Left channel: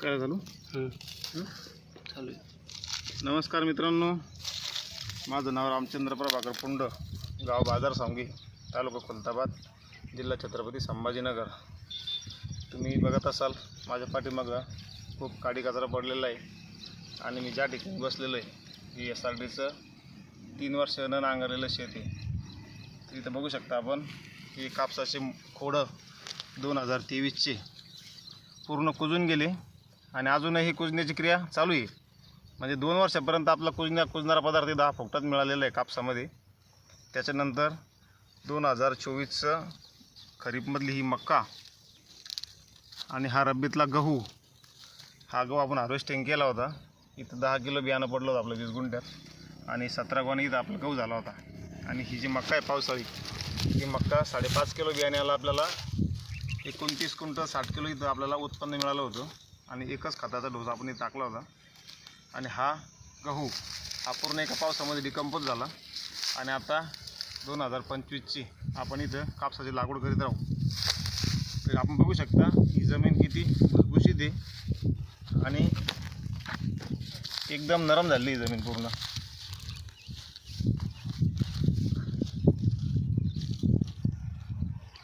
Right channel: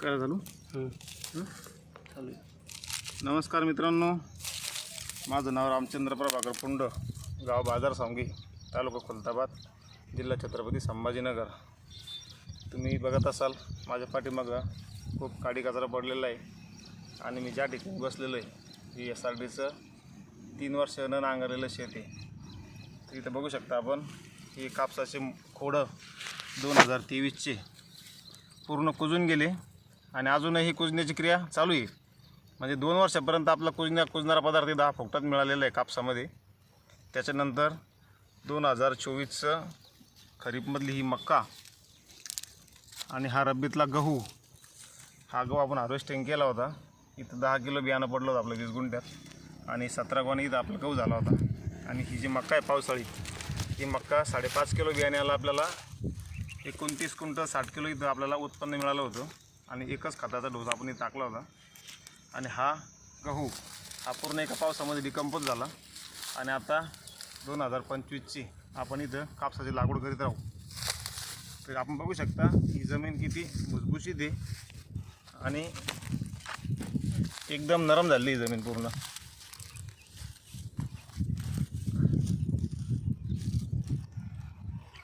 काय चालू नमस्कार मित्रांनो माझं नाव रामचंद्र प्रभाकर पुंड गाव बाजार सांगी तालुका खुलताबाद जिल्हा छत्रपती संभाजीनगर तुम्ही बघत असाल माझ्या पाठीमागं खूप काडी कचरा पडलेला आहे आणि मी ज्या ठिकाणी बसलेलो आहे ही एस आर डीचं तीन वर्ष न नांगरलेलं शेती तर इथं बघू शकता आपण हे कापसाचे खोडं दोन हजार तेवीसचे पूर्ण कुजून गेले आणि अजूनही कुजण्याची क्रिया चालू आहे म्हणजे दोन वर्षापर्यंत आपला कुजण्या कुजणारा पदार्थ दहा फुकटात मिळालेला आहे कापसामध्ये त्याच्यानंतर दोन हजार चोवीसचं खरीपमधली ही मक्का आणि हा रब्बीतला गहू हा गहू आपण हार्वेस्टिंग केला होता इथं दहा किलो बियाणं पडलं होतं आपल्या वीस गुंठ्यात आणि सतरा गोणी इथं आपला गहू झाला होता आणि ही जी मक्का आहे पावसाळी ही मक्का साडेपाच किलो बियाण्याला आपल्याला एकोणतीस क्विंटल साठ किलो इथं आपल्याला उत्पन्न मिळालं होतं आणि एकच खताचा डोस आपण इथे टाकला होता आणि हा गहू हा पूर्ण एका पावसामध्ये डिकम्पोज झाला आणि आता दोन हजार पंचवीसची आपण इथं कापसाची लागवड करीत राहू तर आपण बघू शकता ही जमीन किती भुसभुशीत आहे आणि एकदम नरम झाली ही जमीन पूर्ण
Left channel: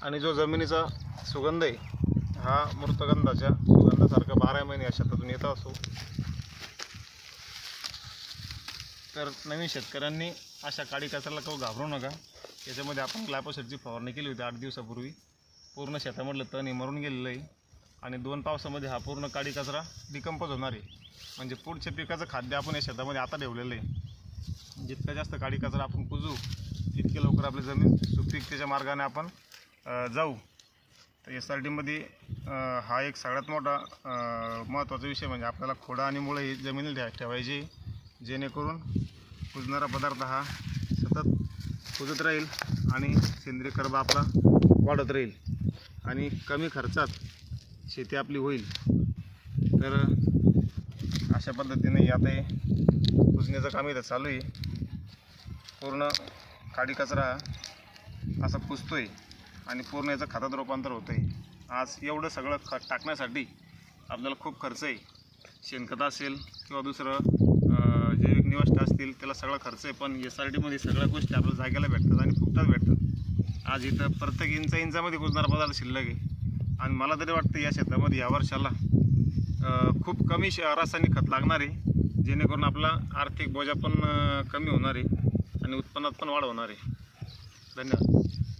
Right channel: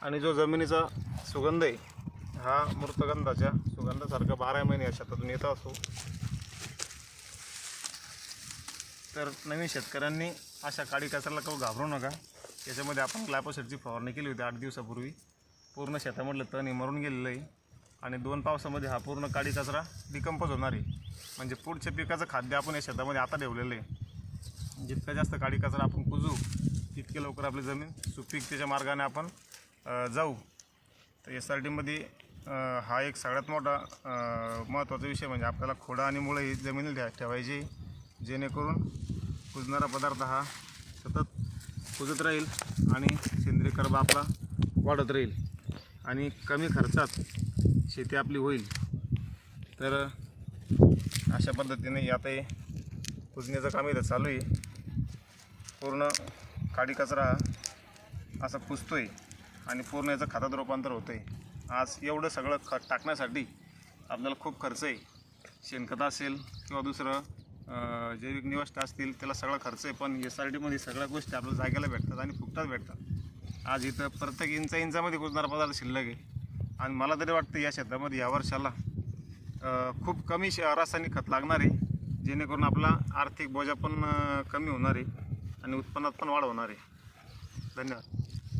आणि जो जमिनीचा सुगंध आहे हा मृतगंधाच्या कंदसारखं बारा महिने या शेतातून येत असो तर नवीन शेतकऱ्यांनी अशा काळी कचऱ्याला कव घाबरू नका याच्यामध्ये आपण ग्लायपोसेटची फवारणी केली होती आठ दिवसापूर्वी पूर्ण शेतामधलं तण हे मरून गेलेलं आहे आणि दोन पावसामध्ये हा पूर्ण काळी कचरा डिकंपोज होणार आहे म्हणजे पुढच्या पिकाचं खाद्य आपण या शेतामध्ये आता ठेवलेलं आहे जितका जास्त काळी कचरा आपण कुजू तितके लवकर आपली जमीन त्याच्या मार्गाने आपण जाऊ तर एस आर टीमध्ये हा एक सगळ्यात मोठा महत्त्वाचा विषय म्हणजे आपल्याला खोडा आणि मुळे ही जमिनीला द्या ठेवायची जेणेकरून कुजणारा पदार्थ हा सतत कुजत राहील आणि सेंद्रिय कर्ब आपला वाढत राहील आणि कमी खर्चात शेती आपली होईल तर अशा पद्धतीने आता हे कुजण्याचं काम इथं चालू आहे पूर्ण काडी कचरा असा पुसतो आहे आणि पूर्ण याचं खतात रूपांतर होतं आहे आज एवढं सगळं खत टाकण्यासाठी आपल्याला खूप खर्च आहे शेणखत असेल किंवा दुसरं जैविक निवष्ट असतील त्याला सगळा खर्च आहे पण एस आर टीमध्ये सगळ्या गोष्टी आपल्याला जागेला भेटतात आणि फुकटात भेटतात आज इथं प्रत्येक इंचा इंचामध्ये कुजणार पदार्थ शिल्लक आहे आणि मला तरी वाटतं या शेतामध्ये या वर्षाला खूप कमी श रासायनिक खत लागणार आहे जेणेकरून आपला आर्थिक बोजा पण कमी होणार आहे आणि उत्पन्नात पण वाढ होणार आहे धन्यवाद